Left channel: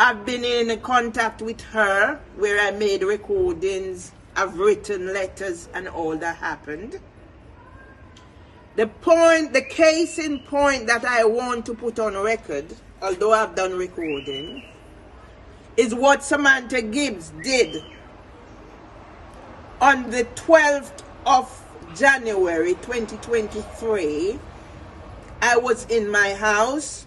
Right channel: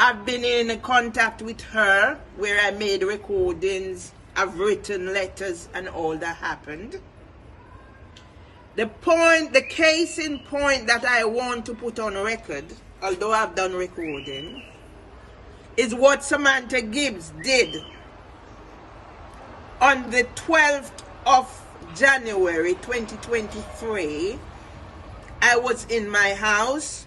I've been in contact with her where I made recordings, I've written letters and all that happened. The case in point that I want to put on record, although I've done recording, is what Samantha Gibbs did on the 12th of January 2023. I was in my house,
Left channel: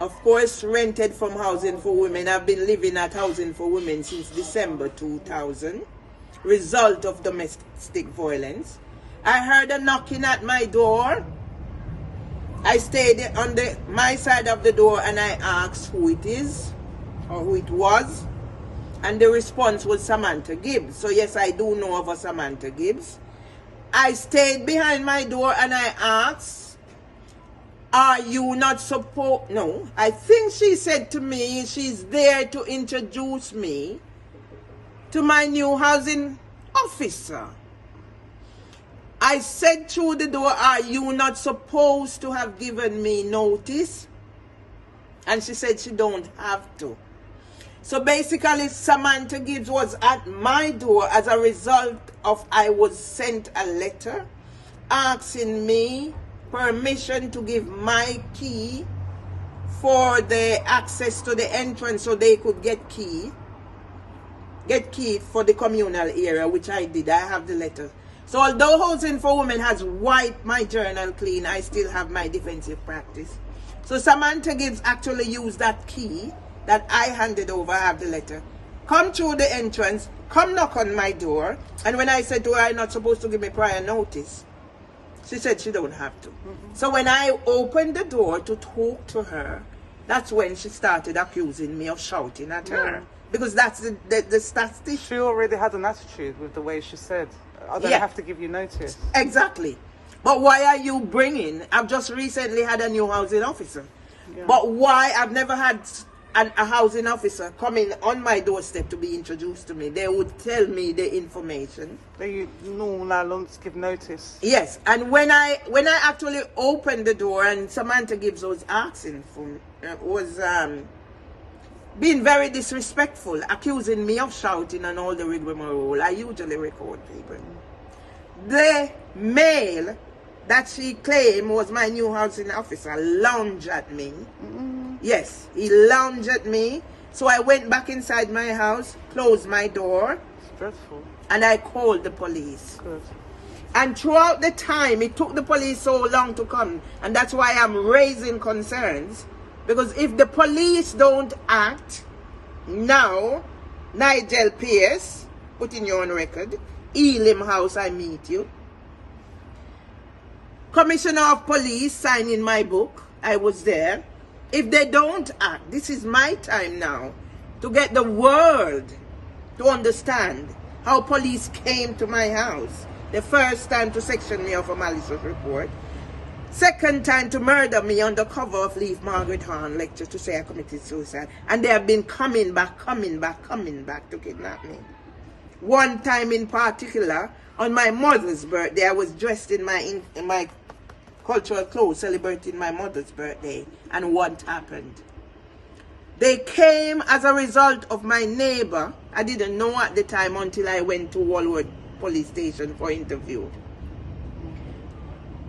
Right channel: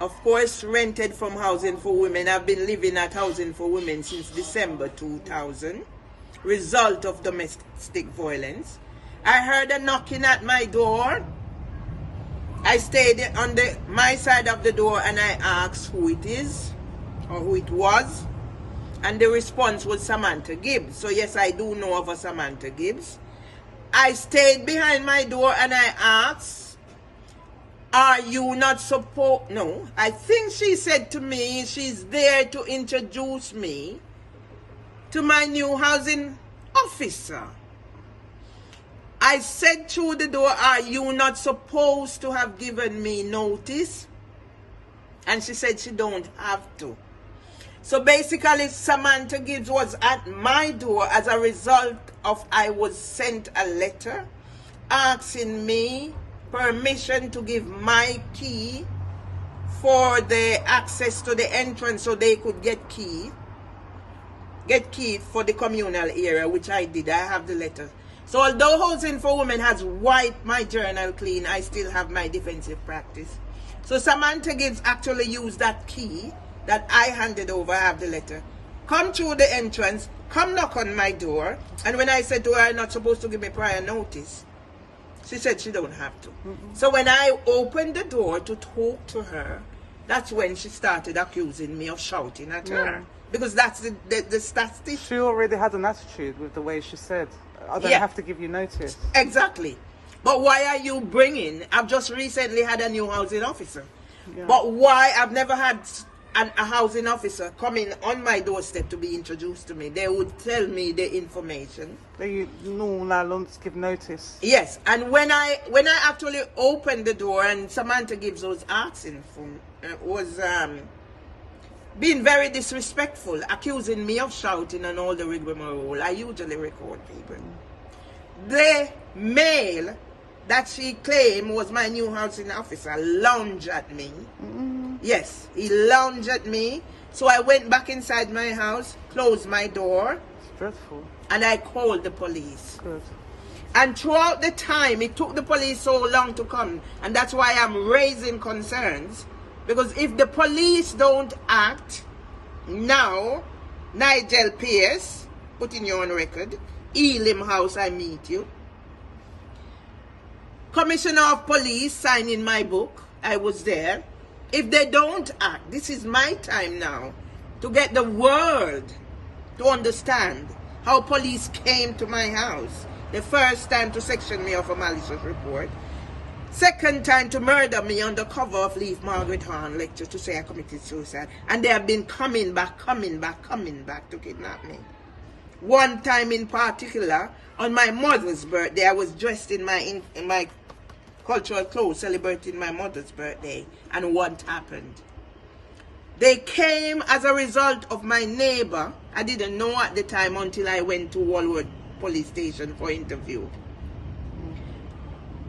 of course rented from Housing for Women. I've been living at Housing for Women since December 2000, result of domestic violence. I heard a knocking at my door. I stayed on my side of the door and I asked who it is or who it was, and the response was Samantha Gibbs. So yes, I do know of a Samantha Gibbs. I stayed behind my door and I asked, are you not supposed? No, I think she said to me she's there to introduce me to my new housing officer. I said through the door, are you not supposed to have given me notice? And she said she don't have to. So basically, Samantha Gibbs was at my door as a result of I was sent a letter asking me permission to give my key for the access to the entrance so they could get key for the communal area, which I did. I have the letter. So although Housing for Women has wiped my journal clean, I still have my defensive practice. So Samantha Gibbs actually used that key that I handed over. I have the letter. Come through the entrance, come knock on my door, and when I said to her, I'm not supposed to give me prior notice, she said she don't have to. So when I opened the door to talk to her, that's when she started accusing me of shouting at her. Because that's the statistic. She already had an attitude with the way she said. I Yeah. have to give you notice. Exactly. But why are you bringing, I've just recently had a new housing officer. But why, I've never had a housing officer coming on my doorstep to be introduced to me. They would tell me the information. You now want to give notice. Yes, and when I actually opened the door and Samantha Gibbs was asking for me, being very disrespectful, accusing me of shouting and all the rigmarole. I usually record people. The male that she claimed was my new housing officer lunged at me. Yes, he lunged at me. So I went back inside my house, closed my door, and I called the police. And throughout the time, it took the police so long to come, and that's why I'm raising concerns. Because if the police don't act now, Nigel Pierce, putting you on record, Elim House, I meet you. Commissioner of Police signing my book, I was there. If they don't act, this is my time now to get the world to understand how police came to my house. The first time to section me of a malicious report. Second time to murder me on the cover of Leave Margaret Hahn lecture to say I committed suicide. And they have been coming back to kidnap me. One time in particular, on my mother's birthday, I was dressed in my cultural clothes celebrating my mother's birthday. And what happened? They came as a result of my neighbor. I didn't know at the time until I went to Walworth police station for interview.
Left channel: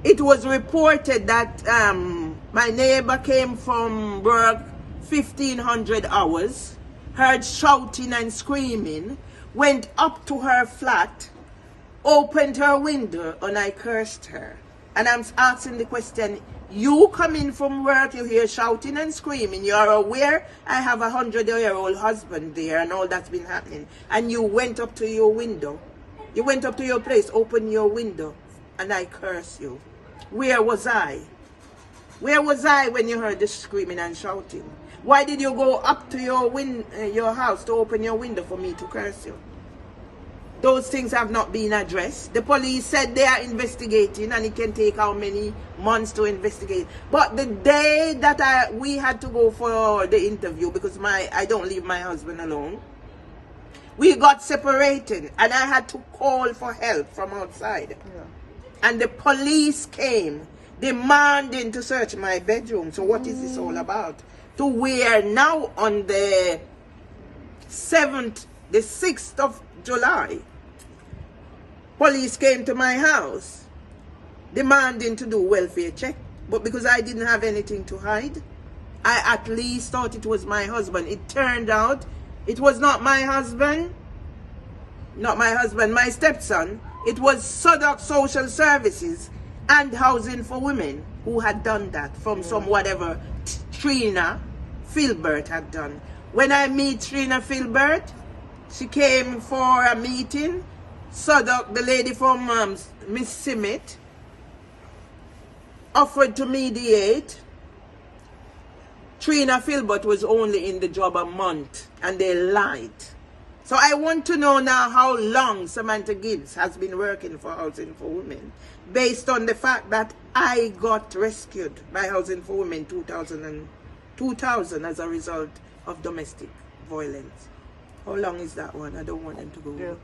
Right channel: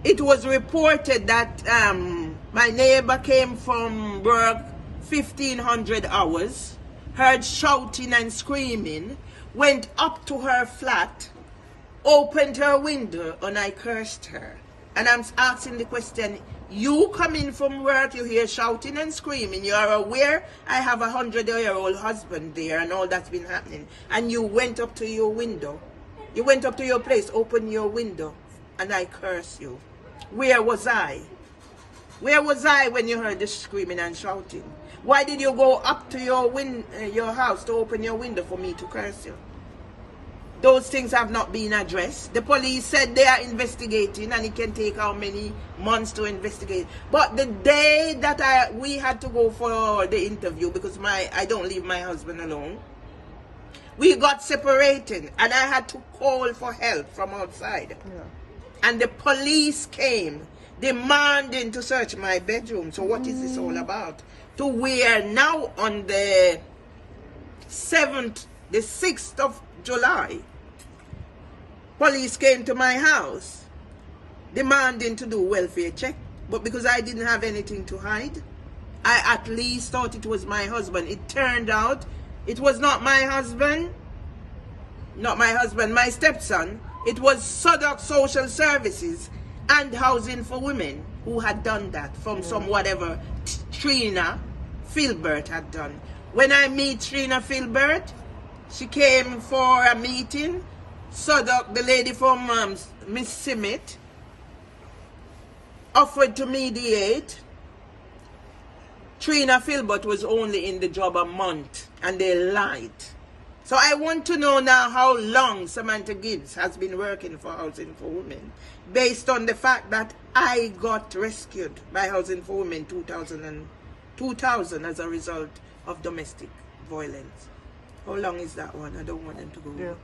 It was reported that my neighbor came from work 1500 hours, heard shouting and screaming, went up to her flat, opened her window, and I cursed her. And I'm asking the question, you come in from work, you hear shouting and screaming, you are aware I have a 100-year-old husband there and all that's been happening, and you went up to your window, you went up to your place, opened your window, and I curse you. Where was I? Where was I when you heard the screaming and shouting? Why did you go up to your house to open your window for me to curse you? Those things have not been addressed. The police said they are investigating and it can take how many months to investigate. But the day that we had to go for the interview, because I don't leave my husband alone, we got separated and I had to call for help from outside. And the police came. demanding to search my bedroom. So what is this all about? To where now on the 6th of July, police came to my house demanding to do welfare check. But because I didn't have anything to hide, I at least thought it was my husband. It turned out it was not my husband, my stepson. It was Southwark Social Services and Housing for Women who had done that from some whatever Trina Filbert had done. When I meet Trina Filbert, she came for a meeting. Southwark, the lady from Miss Simmet, offered to mediate. Trina Filbert was only in the job a month and they lied. So I want to know now how long Samantha Gibbs has been working for Housing for Women, based on the fact that I got rescued by Housing for Women 2000 as a result of domestic violence. How long is that one? I don't want them to go.